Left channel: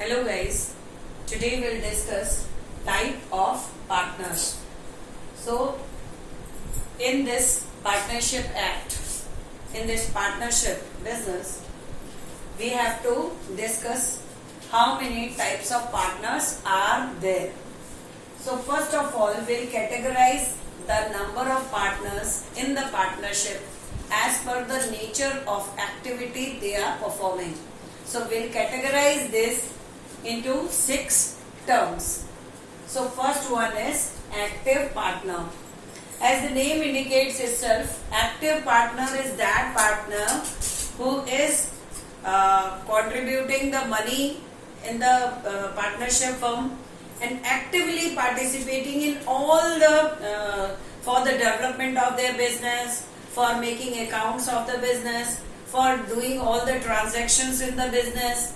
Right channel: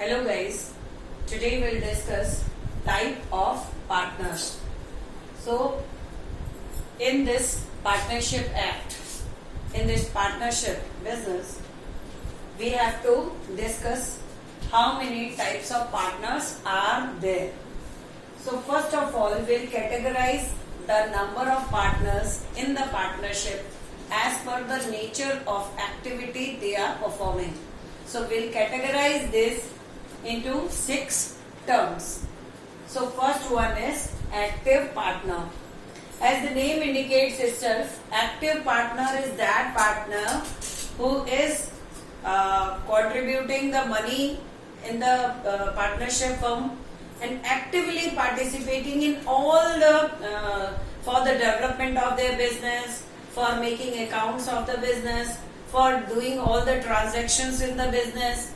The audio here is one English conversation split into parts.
Hello guys, today we'll discuss type of partners. So in this partnership act, in this partnership business, we have to discuss how many types of partners are there. So first of all, we'll categorize the number of partners in the partnership as per the nature of activity they are performing. So we'll categorize this into 6 terms. So first one is active partner. As the name indicates itself, active partner is that partner who is contributing the money in the partnership firm and actively participating in all the for the development of their business, for making accounts of the business, for doing all the transactions in the business,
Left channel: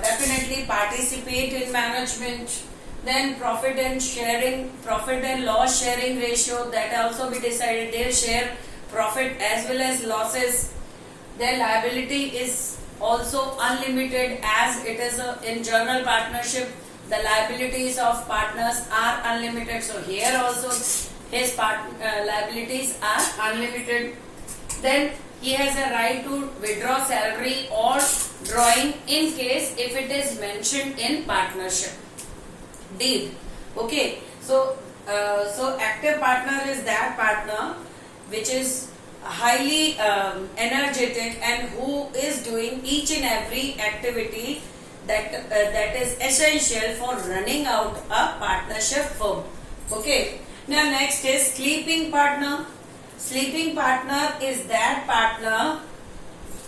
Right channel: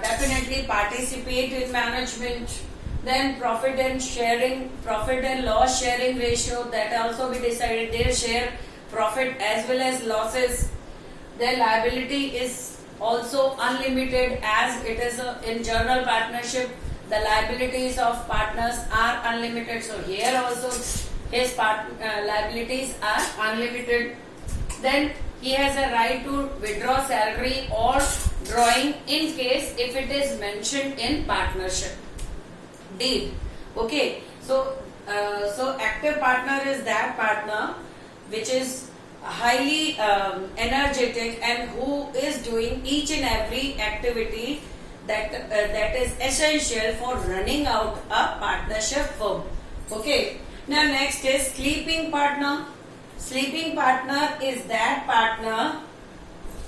definitely participate in management. Then profit and loss sharing ratio, that also we decided they share profit as well as losses. Their liability is also unlimited, as it is in general partnership the liabilities of partners are unlimited. So here also his liabilities are unlimited. Then he has a right to withdraw salary or drawing in case if it is mentioned in partnership deed. Okay, so active partner is that partner which is highly energetic and who is doing each and every activity that is essential for running out a partnership firm. Okay, now next is sleeping partner. Sleeping partner is that partner,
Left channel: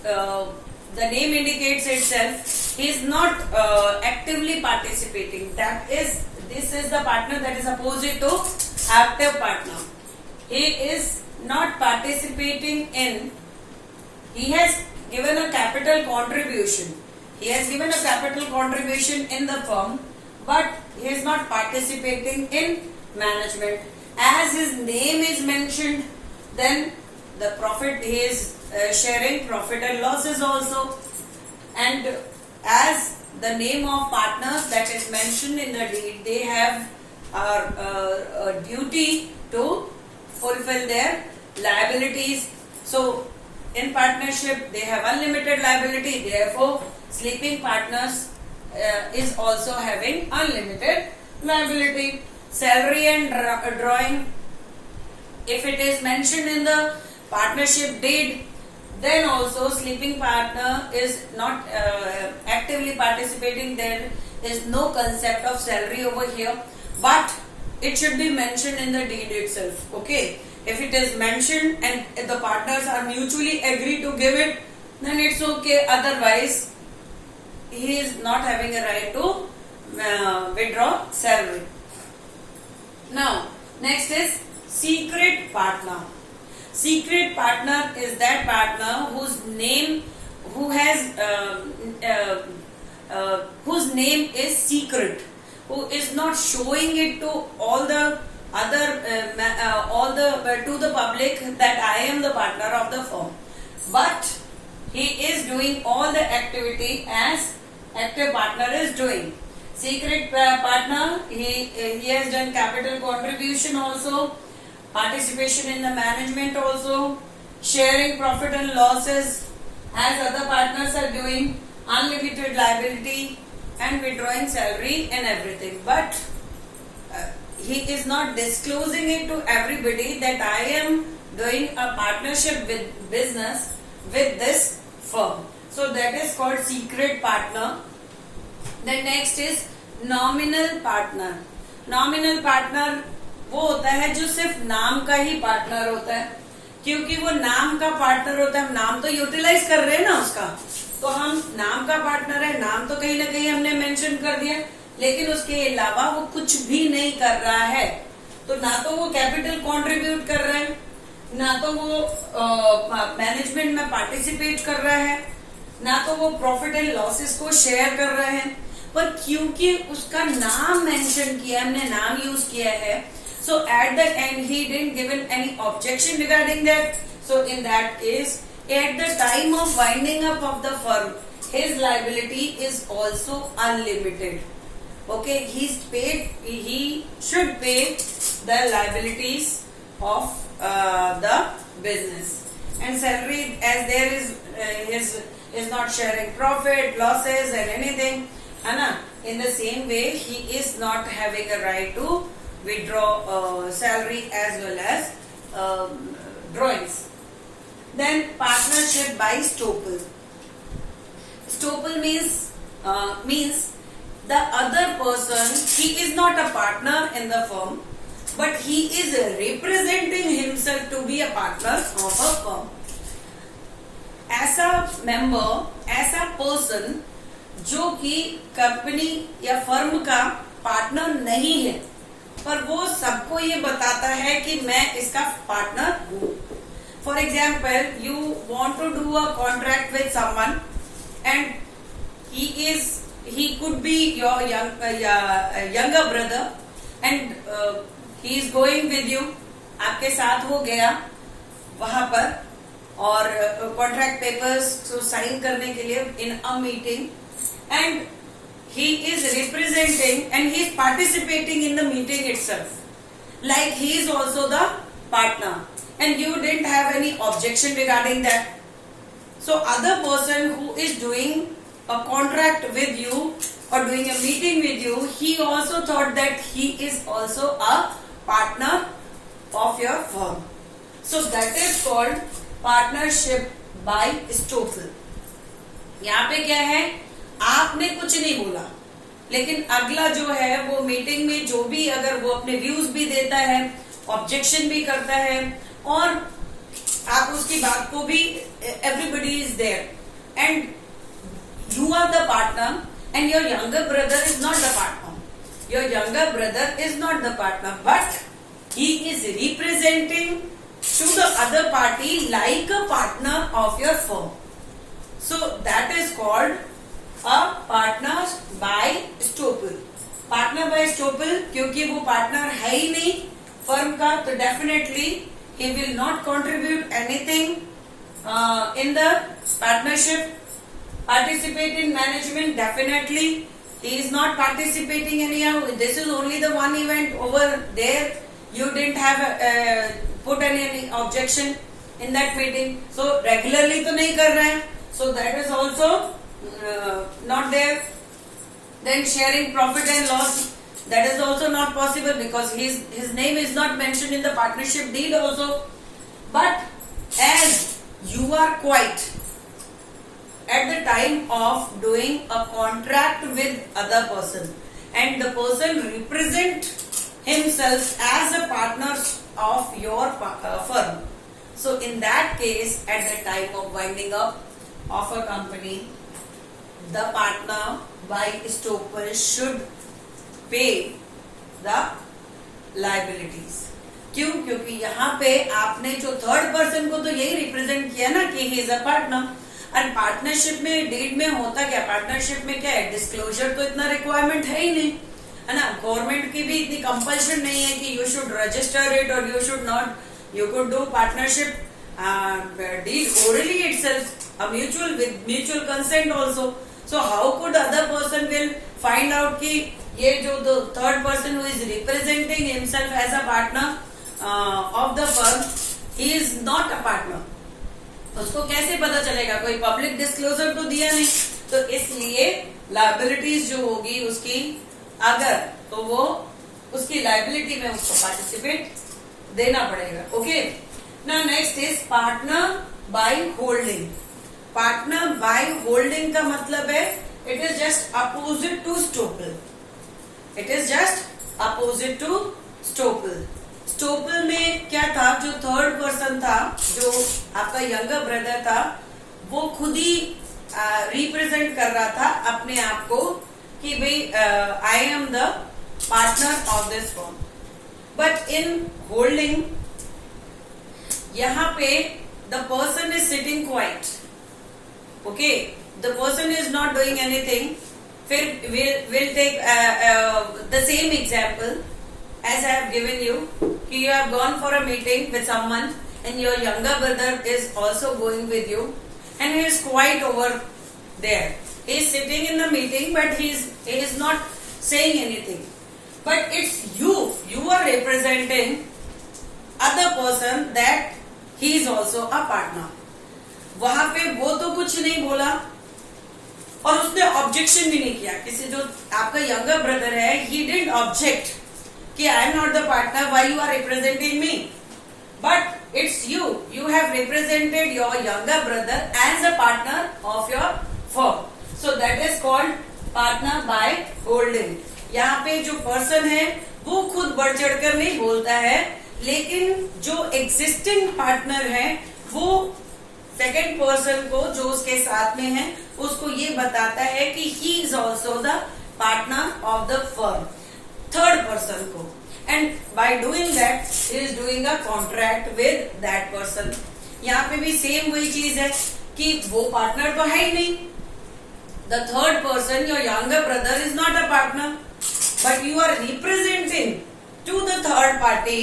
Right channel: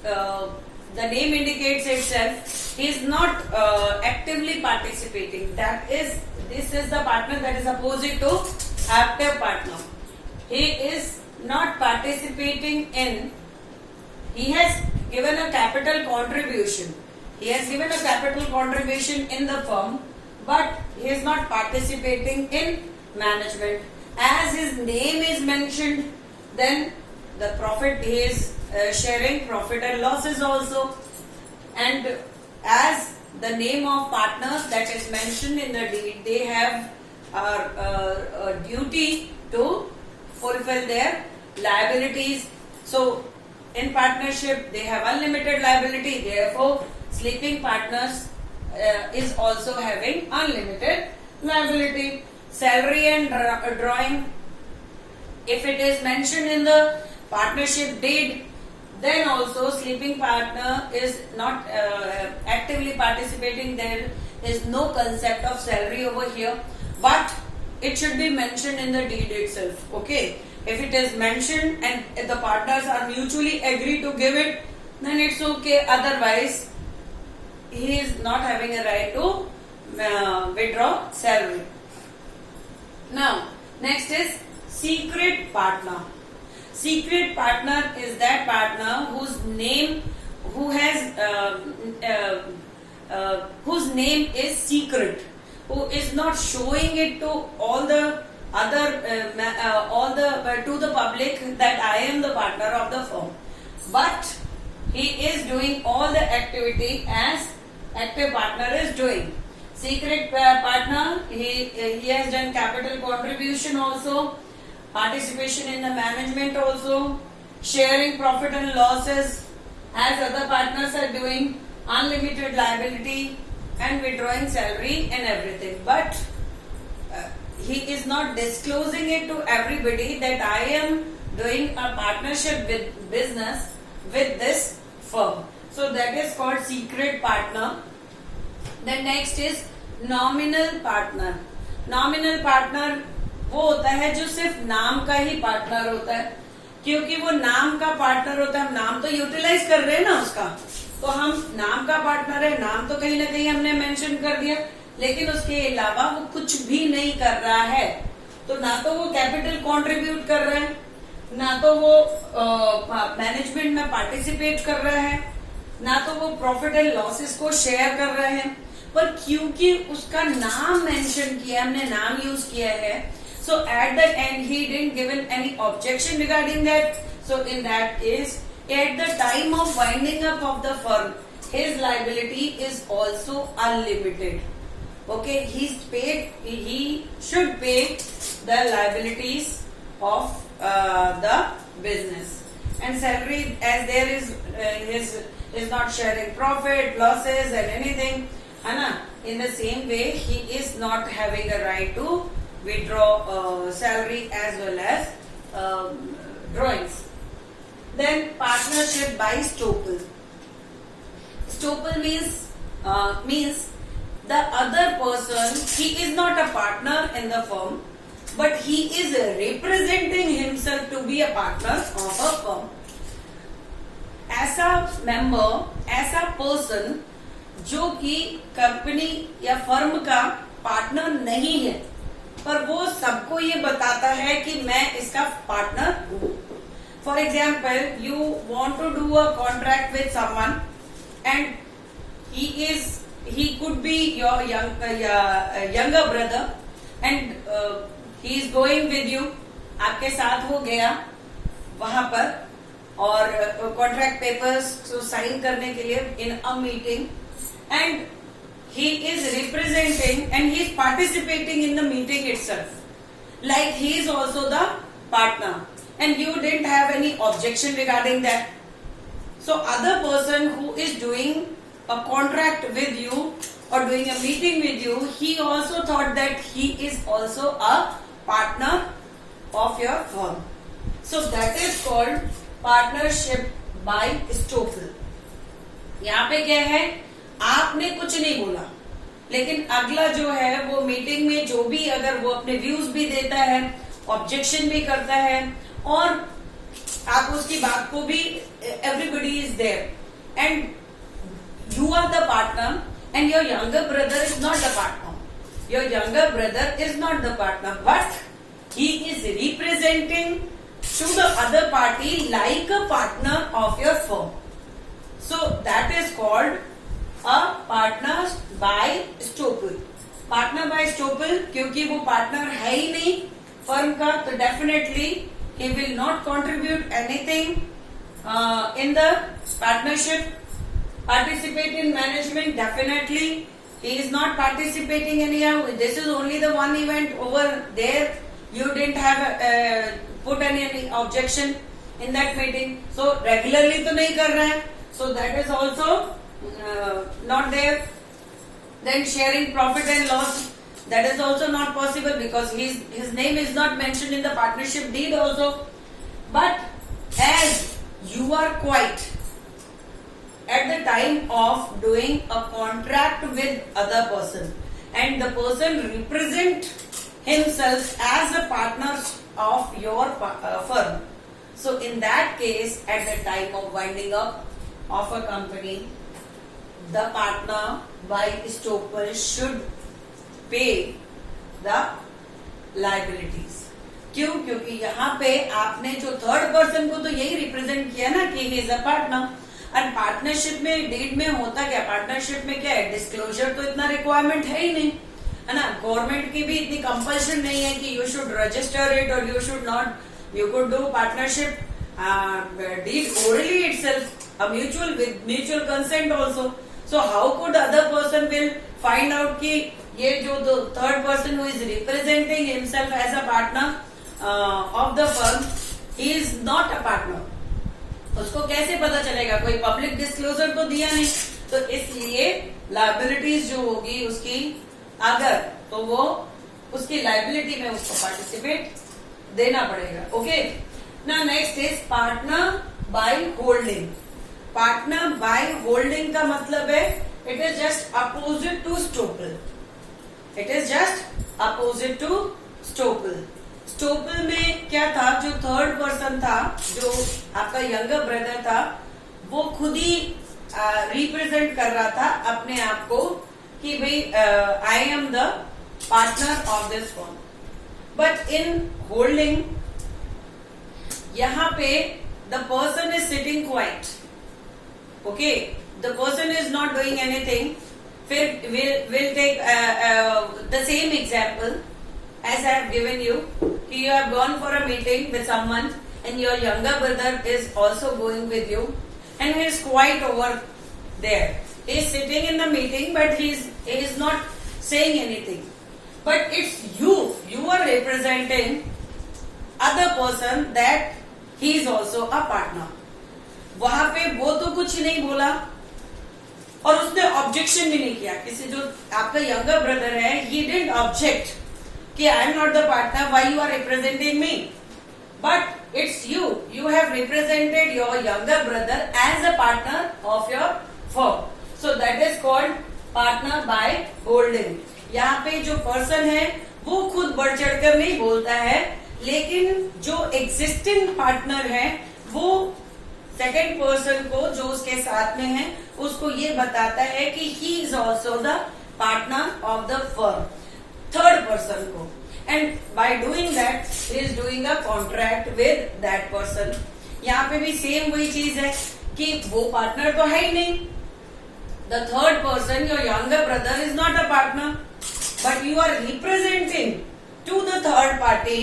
the name indicates itself, he is not actively participating. This is the partner that is opposite to active partner. He is not participating in, he has given a capital contribution. He has given a capital contribution in the firm, but he is not participating in management. As his name is mentioned, then the profit he is sharing profit and losses also, and as the name of partners that is mentioned in the deed, they have a duty to fulfill their liabilities. So in partnership they have unlimited liability, therefore sleeping partners is also having unlimited liability. Salary and drawing, if it is mentioned in the partnership deed, then also sleeping partner is not actively participating. There is no concept of salary over here, but it should be mentioned in the deed itself. Okay, if it is mentioned and if the partners are mutually agree to give it, then it's okay. Otherwise he is not having a right to withdraw salary. Now next is secret partner. Secret partner is that partner whose name is secret, who is not showing it to all the other to the public that I am the partner of the firm, but he is doing all the activity as active partner is doing. Secret partner, he has done capital contribution also, participation in the management also, sharing profit and losses as other partners are doing, unlimited liability and withdrawing salary and everything. But he is not disclosing it to everybody that I am doing a partnership with business with this firm. So that is called secret partner. The next is nominal partner. Nominal partner वो होता है जो सिर्फ नाम का ही partner होता है, क्योंकि वो नाम का पार्टनर होता है, हम नाम तो यूटिलाइज कर रहे हैं ना उसका, तो हम नाम का पार्टनर है, नाम तो कहीं ना कहीं हमने मेंशन कर दिया, लेकिन उसके अलावा वो कुछ भी नहीं कर रहा है, तो ना तो वो कैपिटल कंट्रीब्यूट कर रहा है, ना तो वो मैनेजमेंट में पार्टिसिपेट कर रहा है, ना तो वो प्रॉफिट एंड लॉसेस को शेयर कर रहे हैं, पर क्योंकि उसका नाम मेंशन किया, हमने नाम यूज किया है, so at the end he didn't given any objection regarding that. So in that case, at the time of winding up of the firm, his liability is also unlimited. Okay, he should pay the liabilities of the business, and salary, as there is his is not sharing profit, losses and anything, Anna. In the same way, he is not having a right to withdraw salary as well as drawings. Then partnership by Stoppel. Stoppel means the other person, he is not a partner in the firm, but he is representing himself to be a partner of a firm. ऐसा member, ऐसा person जो कि company या firm का partner नहीं है, पर वो सबको ये बताता है कि मैं इसका पार्टनर हूं. For example, you want to do a contract with someone and he could be your younger brother and he is going with you. आपके साथ वो गया वहां पर और कॉन्ट्रैक्ट पेपर्स साइन करने के लिए in a meeting, and he is representing and he is participating in the meeting itself, like he is also the partner, and you didn't have any objection regarding that. So other person who is doing a contract with you or doing a meeting with you, he also thought that he is also a partner of your firm. So that is called partnership by Stoppel. यहाँ पे क्या है, आपने कुछ नहीं बोला, लेकिन अगला जो है वो मीटिंग में जो भी अगर वो अपने व्यूज भी देता है, ऑब्जेक्शन भी करता है, और आप उसकी बात को भी, everybody is there and you are the partner and your younger brother is not the partner. Your younger brother is not the partner, but he is representing to the other party like a partner of your firm. So that is called a partner by Stoppel. Partner by Stoppel, क्योंकि वो partner है ही नहीं firm का, तो definitely he will not contribute anything in the partnership. Participate in management, definitely he is not participating anyhow. This is only the one event. Over there you didn't have put any objection in that meeting, so regularly तो नहीं कर रहे हैं, so that is also not there. Then sharing profit and loss, that is also not possible because his name is not mentioned in the partnership deed also. But as you are quiet at the time of doing a contract with other person and the person represent himself as a partner of your firm, so in that case at the time of winding up of a company, the partner by Stoppel should pay the liabilities. क्यों? क्योंकि यहाँ पे आपने जो third person को तो यही represent किया ना कि ही इज अ पार्टनर. और पार्टनरशिप में डीड में होता क्या, पार्टनरशिप में क्या है, डिस्क्लोजर तो इतना रिक्वायरमेंट है ही नहीं, है ना. गवर्नमेंट की भी इतनी कंपल्शन नहीं है कि यू शुड रजिस्टर इट और you should not. You could do partnership deed orally itself, mutual with mutual consent also. So how could other person will find out कि ये जो third person who is representing himself as a partner of the firm, he is not a partner. उसको कैसे पता चलेगा, कोई public disclosure तो दिया नहीं. तो इसलिए लायबिलिटीज जो होगी उसकी, अगर तो वो उसकी लायबिलिटी में उसको पार्टिसिपेट देना पड़ेगा. Okay, now next is partner by holding. Partner by holding का मतलब है it is just opposite to estoppel. It is just opposite to estoppel. Estoppel में क्या था, जो थर्ड पर्सन था, जो आपका यंगर ब्रदर था, वो खुद ही रिप्रेजेंट कर रहा था अपने आप को कि भाई I am the partner of this firm. But in holding यहाँ पे the person is sitting quiet. Okay, the person is not doing anything. फिर will take the same example as I have given you. You have gone for a meeting with someone and your younger brother is also going with you and he is quiet over there. He is sitting in the meeting, but he is not saying anything. But it's you are representing other person that he is also a partner. वहां पे वो तो कुछ नहीं बोला और उसने objection भी नहीं किया. किसी जो आपका यंगर ब्रदर है, he didn't object कि I am not the partner, why you are representing me? But it's you have represented your younger brother as a partner of your firm. So that is called partner by holding. यहाँ पे जो person है वो खुद बढ़ चढ़कर नहीं बोलता है, लेकिन जो एग्जिस्टिंग पार्टनर है वो सेकेंड पर्सन को जो उसके साथ में है उसको ये बताता है कि he is also the partner of the firm, third person को. And by doing that he is doing a contract with that person. यहाँ पे भी सेम वही चीज है कि वो पार्टनर तो है ही नहीं. The third person, your younger brother, is not a partner, but you are representing to the third party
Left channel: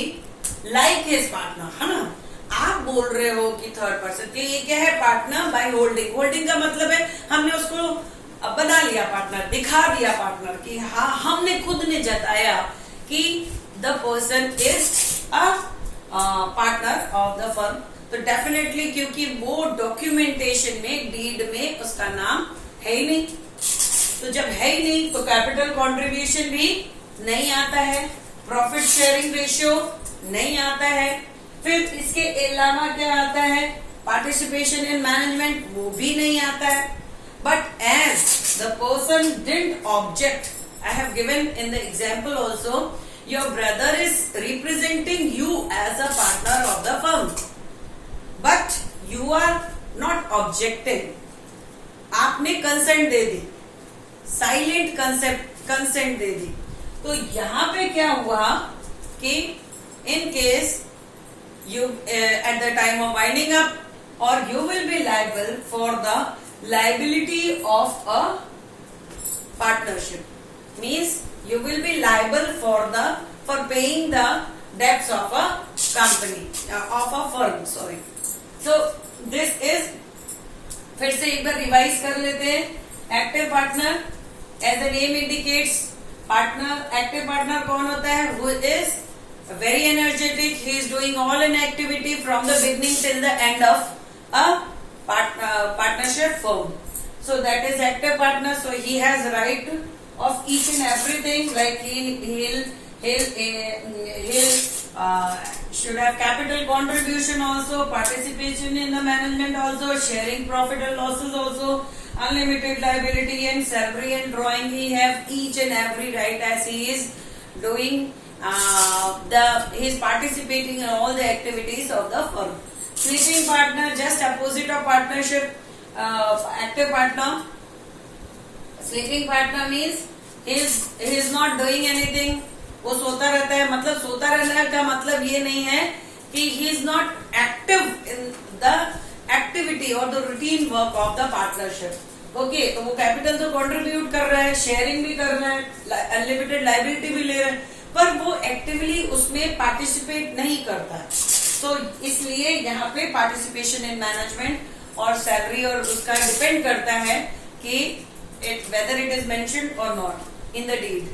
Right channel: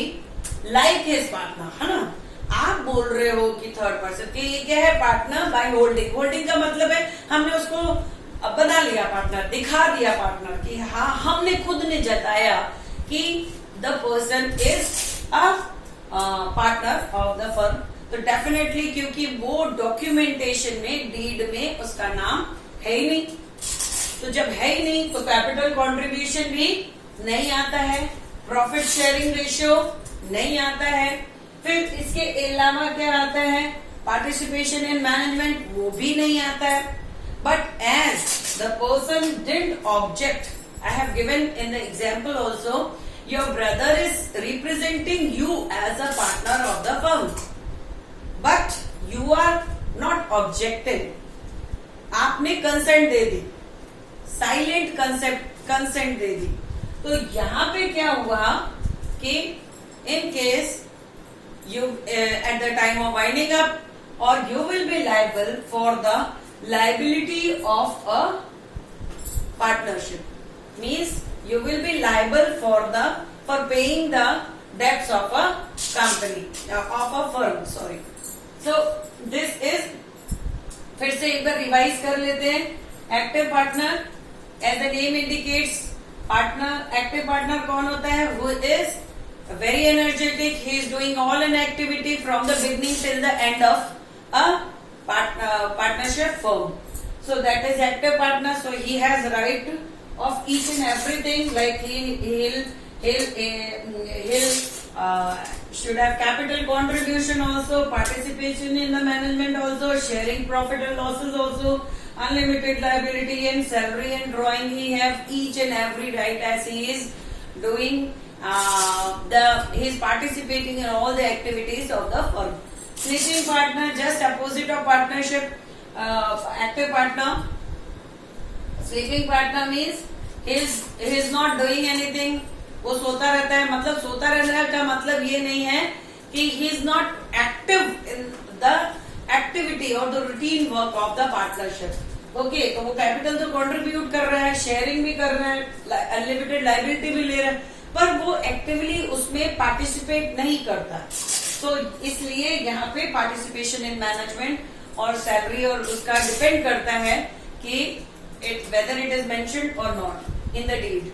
like his partner, है ना. आप बोल रहे हो कि थर्ड पर्सन कि ये क्या है, पार्टनर बाय होल्डिंग. होल्डिंग का मतलब है हमने उसको बना लिया पार्टनर, दिखा दिया पार्टनर कि हाँ हमने खुद ने जताया कि the person is a partner of the firm. तो डेफिनेटली क्योंकि वो डॉक्यूमेंटेशन में, डीड में उसका नाम है ही नहीं, तो जब है ही नहीं तो कैपिटल कॉन्ट्रीब्यूशन भी नहीं आता है, प्रॉफिट शेयरिंग रेशियो नहीं आता है. फिर इसके अलावा क्या आता है, पार्टिसिपेशन इन मैनेजमेंट, वो भी नहीं आता है. But as the person didn't object, I have given in the example also, your brother is representing you as a partner of the firm, but you are not objecting. आपने consent दे दी, silent consent दे दी. तो यहां पे क्या हुआ कि in case you at the time of winding up, or you will be liable for the liability of a partnership. Means you will be liable for paying the debts of a company, of a firm, sorry. So this is, फिर से एक बार revise कर लेते हैं. Active partner, as the name indicates, partner, active partner कौन होता है, who is very energetic, he is doing all an activity from the beginning till the end of a partnership firm. So that is active partner. So he has right of each and everything, like he'll should have capital contribution also, participation in the management also, sharing profit and losses also, unlimited liability and salary and drawing. He have each and every right as he is doing he is participating in all the activities of the firm. Sleeping partner, just opposite of partnership. Active partner, sleeping partner means he is not doing anything. वो सोता रहता है. मतलब सोता रहने का मतलब ये नहीं है कि he is not active in the activity or the routine work of the partnership. Okay, तो वो कैपिटल तो कंट्रीब्यूट कर रहा है, शेयरिंग भी कर रहा है, अनलिमिटेड लाइबिलिटी भी ले रहा है, पर वो एक्टिवली उसमें पार्टिसिपेट नहीं करता. तो इसलिए यहाँ पे पार्टिसिपेशन इन मैनेजमेंट और सैलरी और उसका डिपेंड करता है कि वेदर इट इज मेंशन्ड और not in the deed.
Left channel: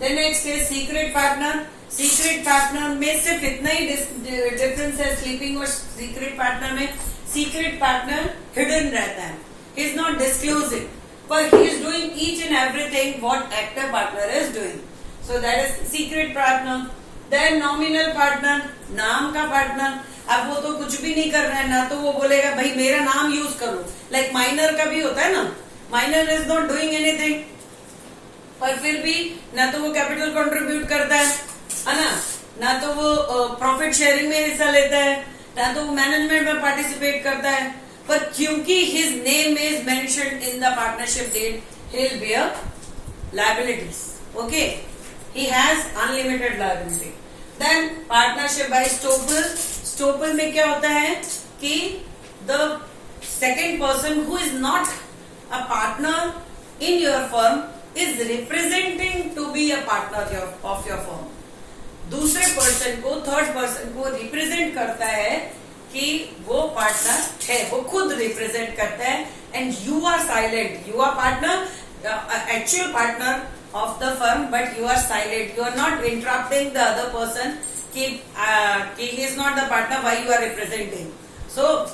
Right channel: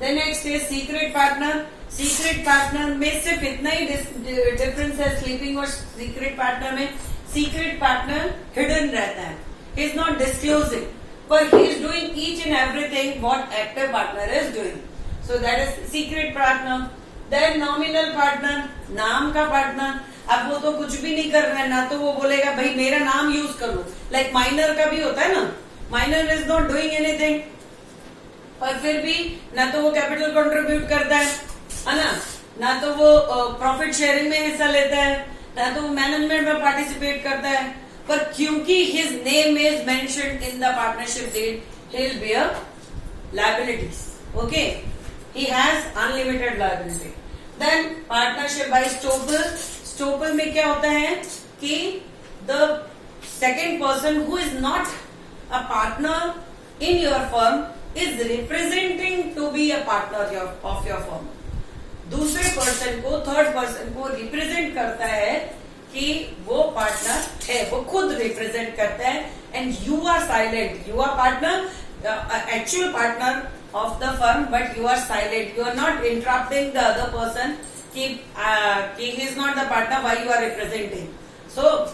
Then next is secret partner. Secret partner में सिर्फ इतना ही डिफरेंस है स्लीपिंग और सीक्रेट पार्टनर में. सीक्रेट पार्टनर हिडन रहता है, he is not disclosing, but he is doing each and everything what active partner is doing. So that is secret partner. Then nominal partner, नाम का partner. अब वो तो कुछ भी नहीं कर रहा है, ना तो वो बोलेगा भाई मेरा नाम यूज कर लो. लाइक माइनर का भी होता है ना, minor is not doing anything, पर फिर भी ना तो वो कैपिटल कंट्रीब्यूट करता है ना तो वो प्रॉफिट शेयरिंग में हिस्सा लेता है, ना तो वो मैनेजमेंट में पार्टिसिपेट करता है. पर क्योंकि his name is mentioned in the partnership deed, he'll bear liabilities. Okay, he has unlimited liability. Then partnership by Stoppel. Stoppel में क्या होता है कि the second person who is not a partner in your firm is representing to be a partner of your firm. दूसरे person को, third person को represent करता है कि वो पार्टनर है, वो खुद रिप्रेजेंट करता है, and you are silent, you are partner, actual partner of the firm, but you are silent, you are not interrupting the other person कि he is not the partner, why you are representing. So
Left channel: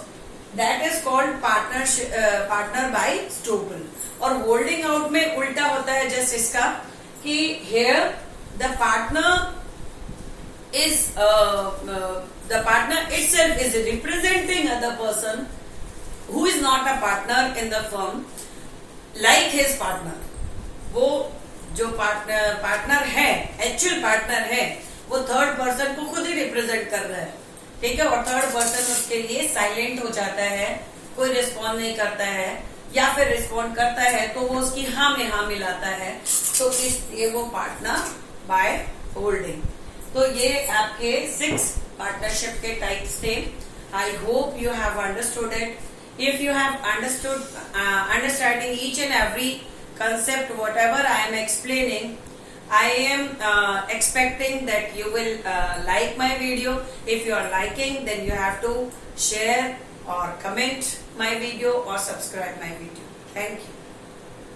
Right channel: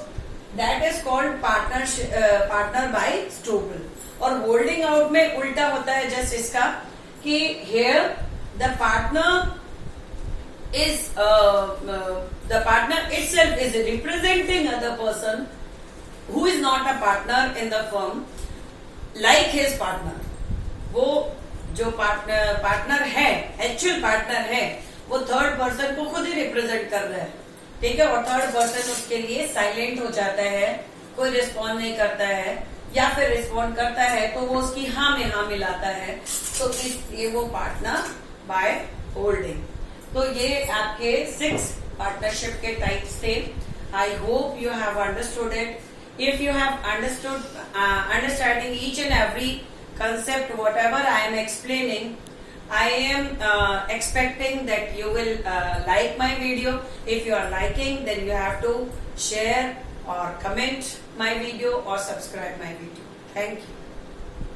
that is called partner by Stouple. और holding out में उल्टा होता है just इसका कि here the partner is the partner itself is representing other person who is not a partner in the firm like his partner. वो जो partner है, एक्चुअल पार्टनर है, वो थर्ड पर्सन को खुद ही रिप्रेजेंट कर रहा है, ठीक है। और थर्ड पर्सन उसके लिए साइलेंट हो जाता है, कोई रिस्पॉन्ड नहीं करता है, या फिर रिस्पॉन्ड करता है तो वो उसकी हाँ में हाँ मिलाता है, तो इसलिए वो पार्टनर बाय होल्डिंग। तो ये आपके 6 पार्टनरशिप के टाइप्स थे। I hope you have understood it. If you have understood understanding each and every concept whatever I am explaining, I am expecting that you will like my video. If you are liking, then you have to share or comment my video or subscribe my video. Thank you.